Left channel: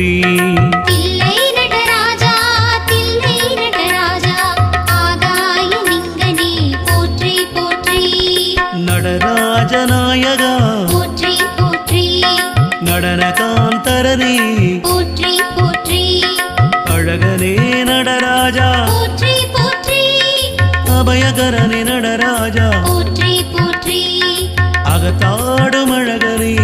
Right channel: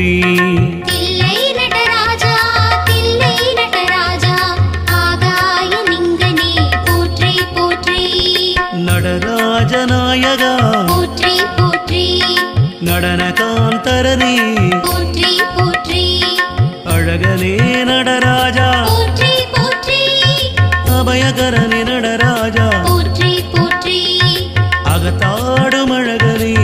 போற்றி. தில்லை நடராஜா தில்லை நடராஜா ஆகாய லிங்கனே போற்றி போற்றி. நடராஜ நாயகா போற்றி போற்றி. நடனகாந்தரனே போற்றி போற்றி. அழகனே நடராஜா போற்றி போற்றி. அபயகரனே நடராஜா போற்றி போற்றி. அகத்தாடும் அழகனே